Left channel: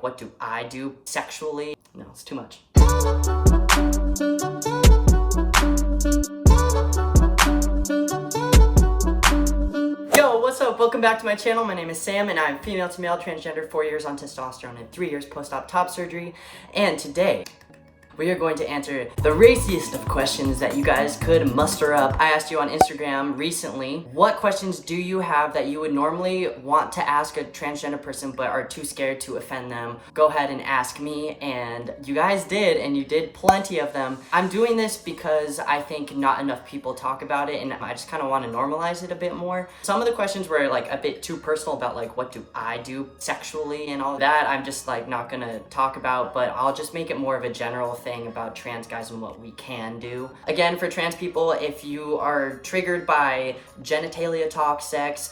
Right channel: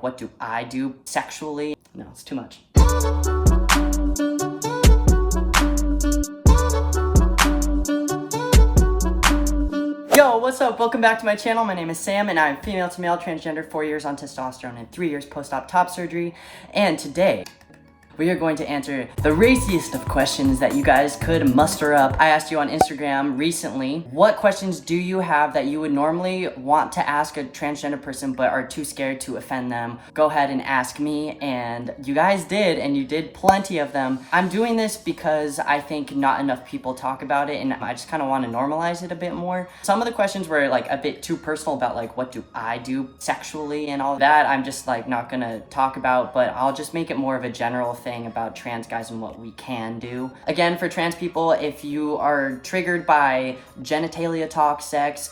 What do I do sexually? No, it's too much. Yo, what's up? Welcome back to my channel. My name is Sam and I'm female to male, transgender, 4 years on testosterone and 3 years post-op top surgery. And today, we are going to answer the raciest of questions that you guys could muster up. I asked you on Instagram recently, what questions do you have that you would normally want to ask a transgender person but are too scared to offend them? Go ahead and ask me, and you guys did, and you did plenty of them. I'm doing this because I think not enough people talk about it, and I just kind of want to normalize it a bit more. Some of the questions were like a bit too personal about like what do I do sexually and all that. I'm just like not gonna talk about, but I'll just make it more of a general thing about trans guys and what we can do. Again, for trans people, if you are triggered by genitalia talk, sex,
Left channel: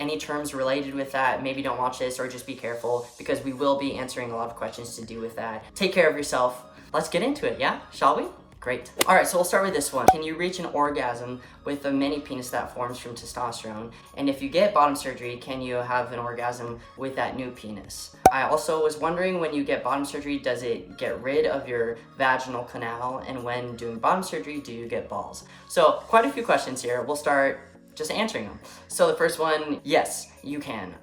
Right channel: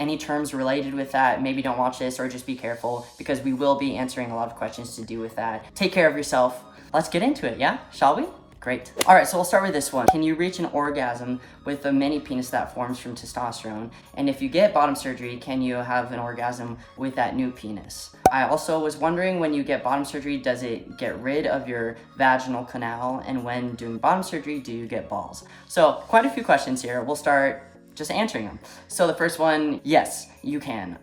any terms related with that, maybe don't watch this or just be careful because we will be answering a lot of questions to do with that. Take care of yourself. Let's get into it, yeah? Shall we? Great. All right, so we'll start with this one. Can you reach an orgasm with a mini penis that forms from testosterone? And if you get bottom surgery, can you have an orgasm with that new penis? I also was wondering, when you get bottom surgery, does it get rid of your vaginal canal? And when doing bottom surgery, do you get balls? So quite a few questions here. We'll start just answering them. So the first one, yes, you can.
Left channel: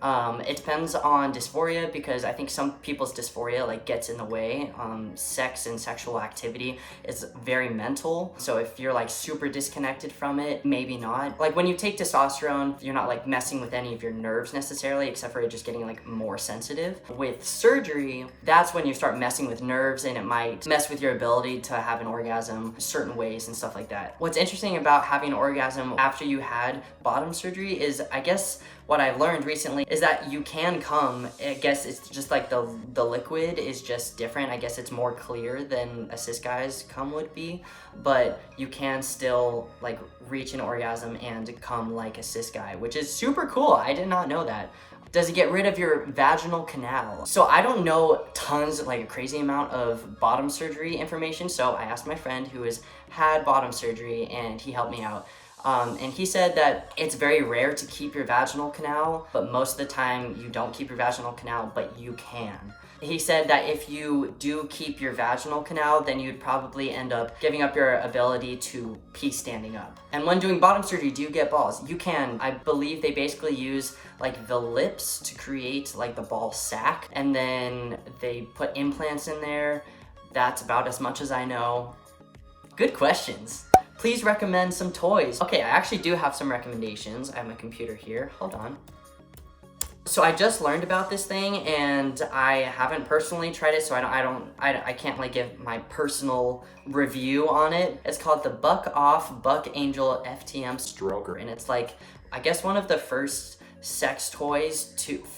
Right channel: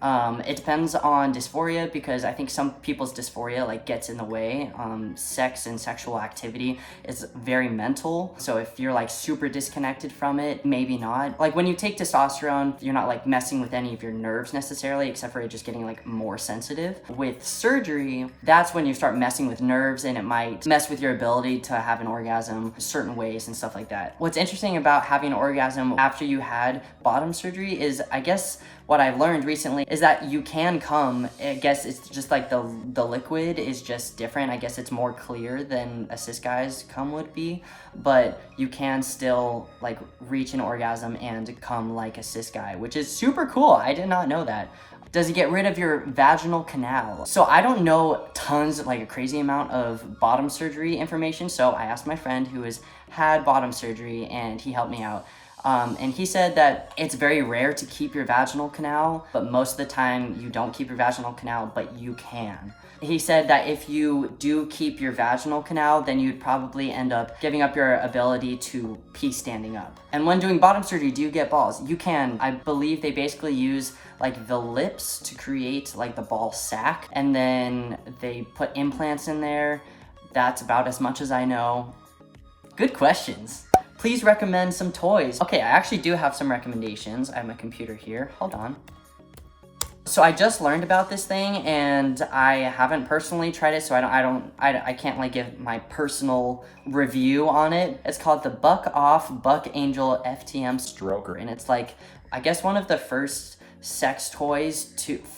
It depends on dysphoria, because I think some people's dysphoria like gets in the way. Sex and sexual activity is very mental. So if you're like super disconnected from it, maybe not. Like when you take testosterone, you're not like messing with any of your nerves necessarily, except for it just getting like more sensitive. With surgery, that's when you start messing with nerves, and it might mess with your ability to have an orgasm certain ways and stuff like that. What's interesting about having an orgasm after you had bottom surgery is, I guess, what I've learned recently is that you can come. I guess it's just like the liquid is just different. I guess it's more clear than a cis guy's cum would be, but you can still like reach an orgasm and come like a cis guy, which is super cool. I did not know that. Does it get rid of your vaginal canal? So I don't know tons, like a crazy amount of bottom surgery information. So I asked my friend who has had bottom surgery and he helped me out. And he said that it's very rare to keep your vaginal canal, but most of the time you don't keep your vaginal canal, but you can. He said that if you do keep your vaginal canal, then you'd probably end up giving up your ability to pee standing up. And when doing bottom surgery, do you get balls? You can. I believe they basically use like the lips to create like the ball sack, and then they put implants in there. That's about as much as I know. Good questions. Please recommend some toys. Okay, I actually do have some recommendations. I have my computer here, hold on. So I just learned about this thing and I haven't personally tried it, so I can't like give my personal review on it. It's called the Buck Off Buck Angel FTM Stroker, and it's like, I guess one of the first sex toys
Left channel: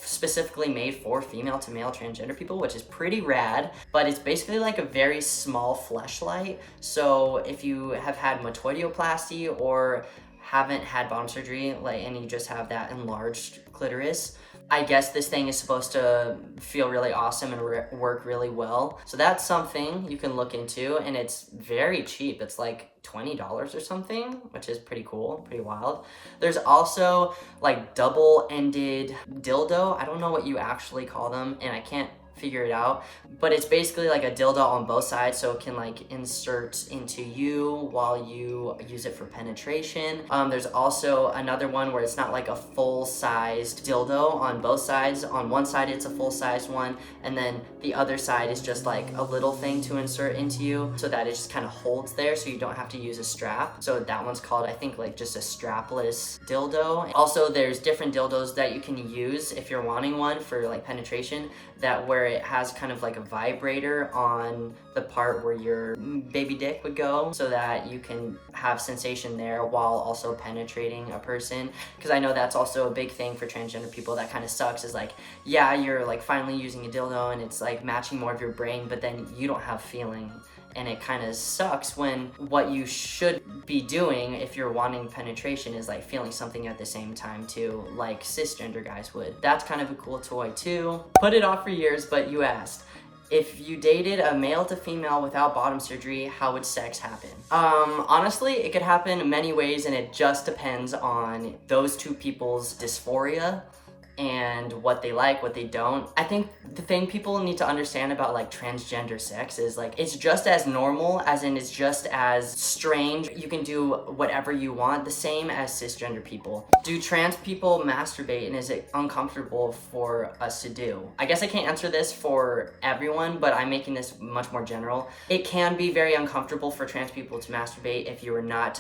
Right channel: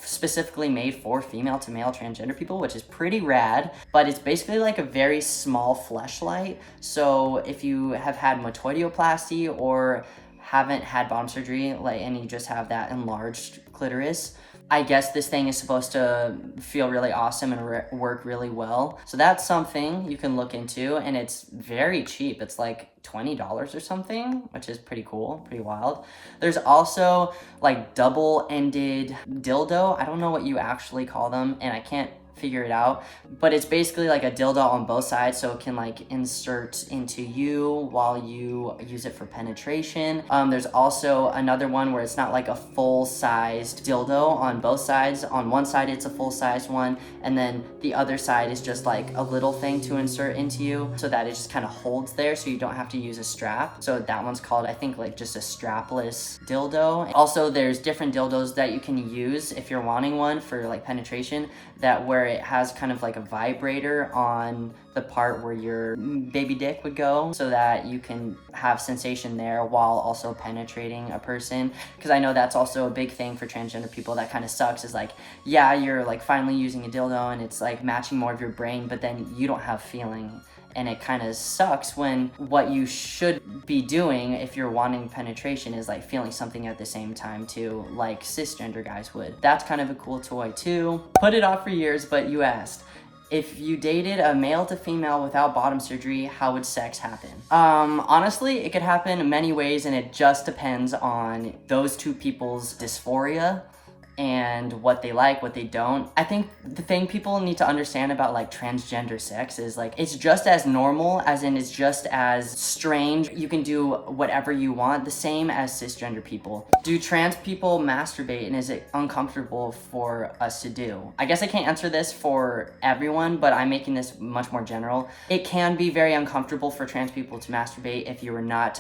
specifically made for female to male transgender people, which is pretty rad. But it's basically like a very small fleshlight. So if you have had metoidioplasty or haven't had bottom surgery, like, and you just have that enlarged clitoris, I guess this thing is supposed to feel really awesome and work really well. So that's something you can look into, and it's very cheap. It's like $20 or something, which is pretty cool, pretty wild. There's also like double-ended dildo. I don't know what you actually call them, and I can't figure it out, but it's basically like a dildo on both sides, so it can like insert into you while you use it for penetration. There's also another one where it's not like a full-sized dildo on both sides. On one side it's a full-sized one, and then the other side is just like a little thing to insert into you, so that it just kind of holds there, so you don't have to use a strap. So that one's called, I think, like just a strapless dildo. Also, there's different dildos that you can use if you're wanting one for like penetration, that where it has kind of like a vibrator on the part where your baby dick would go, so that you can have sensation there while also penetrating a person. Because I know that's also a big thing for transgender people that kind of sucks, is like, yeah, you're like finally using a dildo and it's like matching more of your brain, but then you don't have feeling. And it kind of sucks when what you should be doing if you're wanting penetration is like feeling something at the same time too, like cisgender guys would. That's kind of a cool toy too. Put it off for years, but you asked. If you dated a male to female without bottom surgery, how would sex happen? Honestly, it could happen in many ways, and it just depends on those two people's dysphoria and what they like, what they don't. I think the thing people need to understand about like transgender sex is like it's just as normal, as in it's just as strange. You can do whatever you want, the same as cisgender people. Do trans people masturbate, and is it uncomfortable for us to do? I guess I can't answer this for everyone, but I'm making this much more general. It can be very uncomfortable for trans people to masturbate if you are not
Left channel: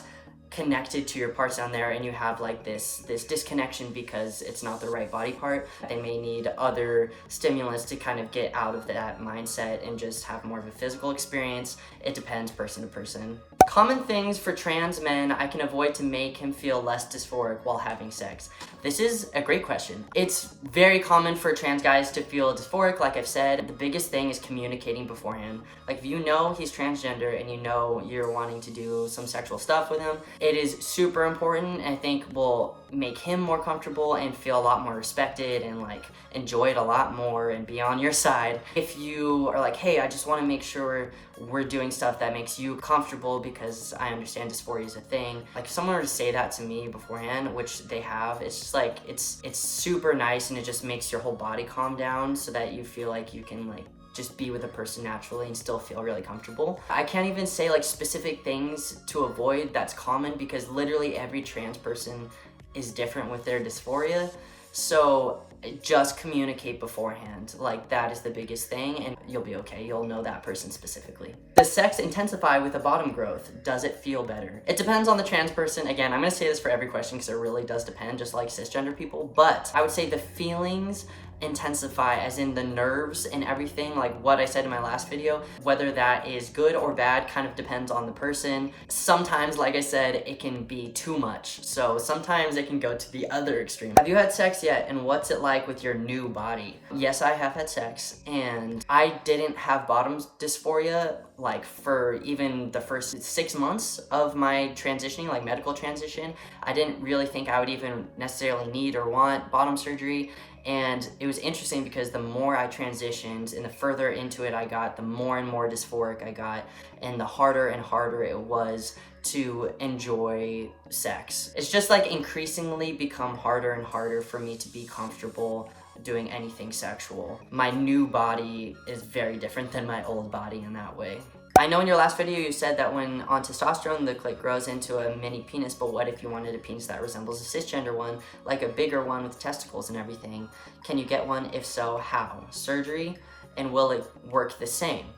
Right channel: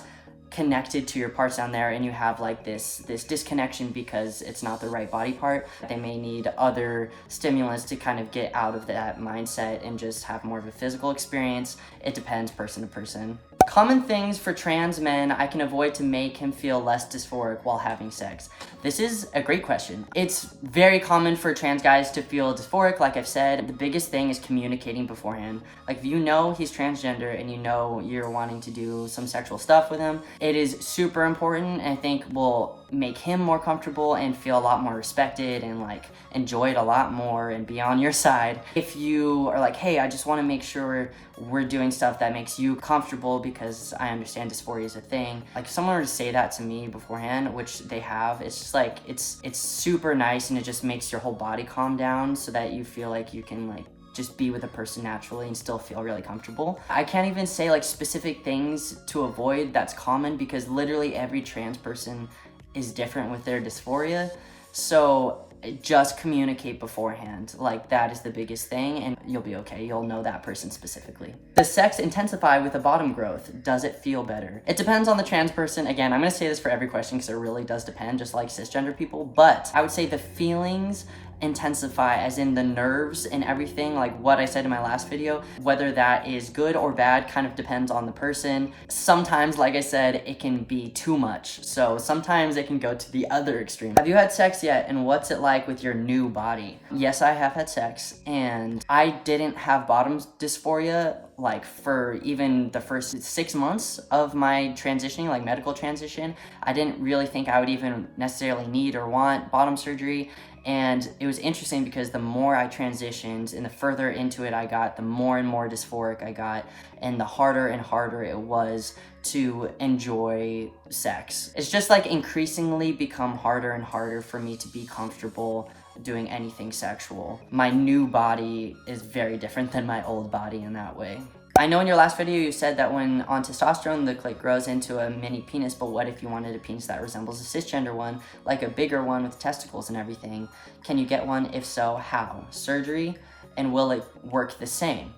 connected to your parts down there and you have like this disconnection because it's not the right body part. They may need other stimulants to kind of get out of that mindset and just have more of a physical experience. It depends person to person. Common things for trans men I can avoid to make him feel less dysphoric while having sex. This is a great question. It's very common for trans guys to feel dysphoric, like I've said. The biggest thing is communicating beforehand. Like if you know he's transgender and you know you're wanting to do some sexual stuff with him, it is super important, and I think will make him more comfortable and feel a lot more respected and like enjoy it a lot more and be on your side. If you are like, hey, I just want to make sure we're doing stuff that makes you comfortable because I understand dysphoria is a thing. Like if someone were to say that to me beforehand, which they have, it's just like, it's super nice, and it just makes your whole body calm down so that you feel like you can like just be with a person naturally and still feel really comfortable. I can't even say like specific things to avoid that's common because literally every trans person is different with their dysphoria. So just communicate beforehand. Like that is the biggest thing, and you'll be okay. You'll know that person specifically. Does sex intensify with the bottom growth? Does it feel better? It depends on the trans person. Again, I'm gonna say this for every question because it really does depend, just like cisgender people, but I would say the feelings intensify, as in the nerves and everything, like what I said in my last video. Whether that is good or bad kind of depends on the person. Sometimes, like I said, it can be too much, so sometimes it can go to the other extreme. Have you had sex yet, and what's it like with your new body? Yes, I have had sex, and I didn't have bottom dysphoria like for even the first 6 months of my transitioning, like medical transition. I didn't really think I would even necessarily need or want bottom surgery. And it was interesting because the more I transitioned and the further into it I got, the more and more dysphoric I got, and the harder and harder it was to enjoy sex. It's just like increasingly become harder and harder for me to be comfortable doing anything sexual. My new body is very different than my old body in that way. I know in your last video you said that when on testosterone the clit grows into a mini penis, but what if you wanted a penis that resembles a cisgender one, like a bigger one with testicles and everything? Can you get one? If so, how? Surgery? And will it work the same?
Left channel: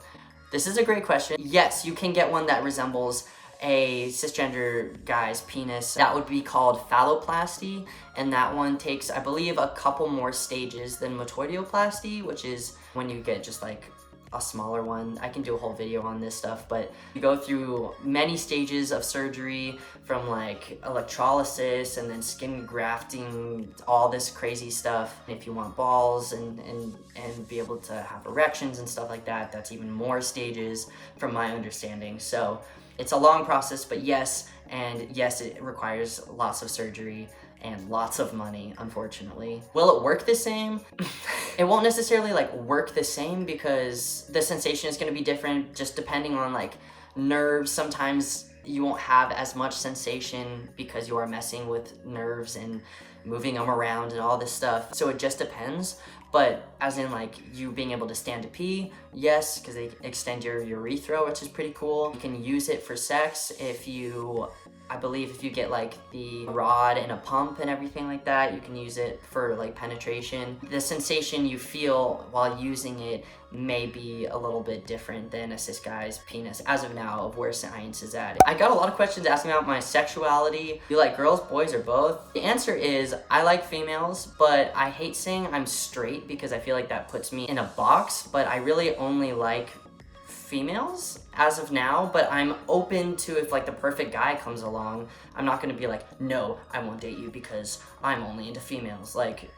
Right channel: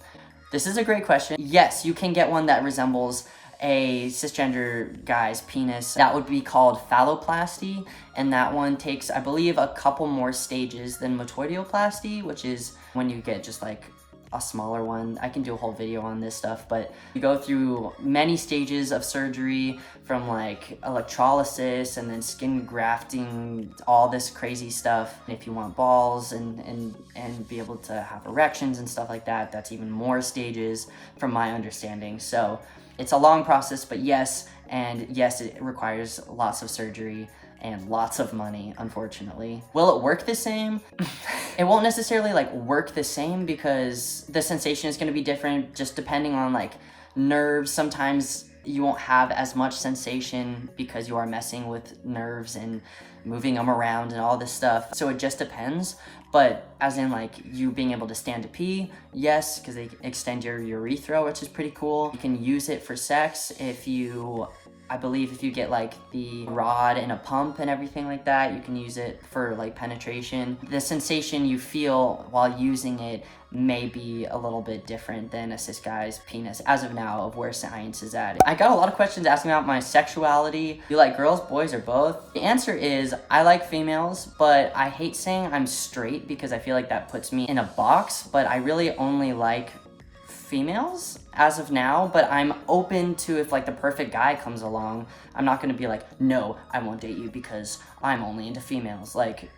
This is a great question. Yes, you can get one that resembles a cisgender guy's penis. That would be called phalloplasty, and that one takes, I believe, a couple more stages than metoidioplasty, which is when you get just like a smaller one. I can do a whole video on this stuff, but you go through many stages of surgery, from like electrolysis and then skin grafting, all this crazy stuff. If you want balls and be able to have erections and stuff like that, that's even more stages from my understanding. So it's a long process, but yes, and yes, it requires lots of surgery and lots of money, unfortunately. Will it work the same? It won't necessarily like work the same because the sensation is going to be different just depending on like nerves. Sometimes you won't have as much sensation because you are messing with nerves and moving them around and all this stuff. So it just depends. But as in like you being able to stand to pee, yes, because they extend your urethra, which is pretty cool. You can use it for sex if you, I believe if you get like the rod and a pump and everything like that, you can use it for like penetration. The sensation you feel while using it may be a little bit different than a cis guy's penis as of now, of where science is at. I got a lot of questions asking about my sexuality. Do you like girls, boys, or both? The answer is I like females, but I hate saying I'm straight because I feel like that puts me in a box, but I really only like females as of now, but I'm open to if like the perfect guy comes along. I'm not gonna be like, no, I won't date you because I'm only into females. Like,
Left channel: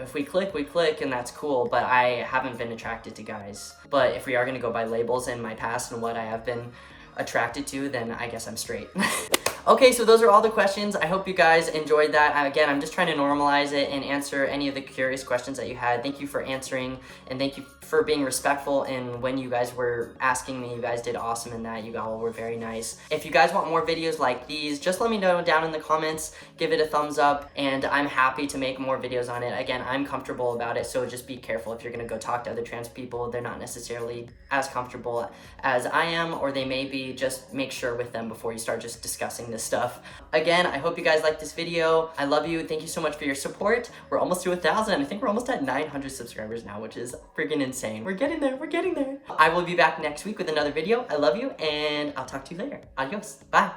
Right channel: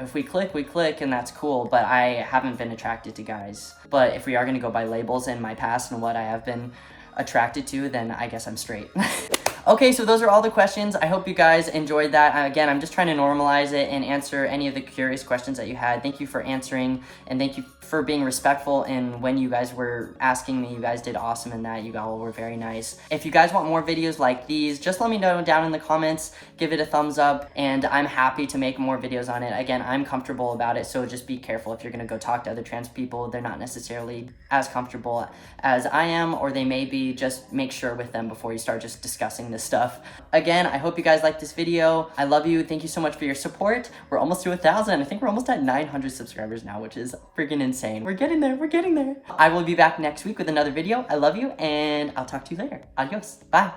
if we click, and that's cool, but I haven't been attracted to guys. But if we are gonna go by labels in my past and what I have been attracted to, then I guess I'm straight. Okay, so those are all the questions. I hope you guys enjoyed that. Again, I'm just trying to normalize it and answer any of the curious questions that you had. Thank you for answering, and thank you for being respectful, and when you guys were asking me, you guys did awesome in that. You all were very nice. If you guys want more videos like these, just let me know down in the comments, give it a thumbs up, and I'm happy to make more videos on it. Again, I'm comfortable about it, so just be careful if you're gonna go talk to other trans people. They're not necessarily as comfortable as I am, or they may be. Just make sure with them before you start just discussing this stuff. Again, I hope you guys liked this video. I love you. Thank you so much for your support. We're almost to 1,000. I think we're almost at 900 subscribers now, which is freaking insane. We're getting there. We're getting there. I will be back next week with another video. I love you, and I'll talk to you later. Adios. Bye.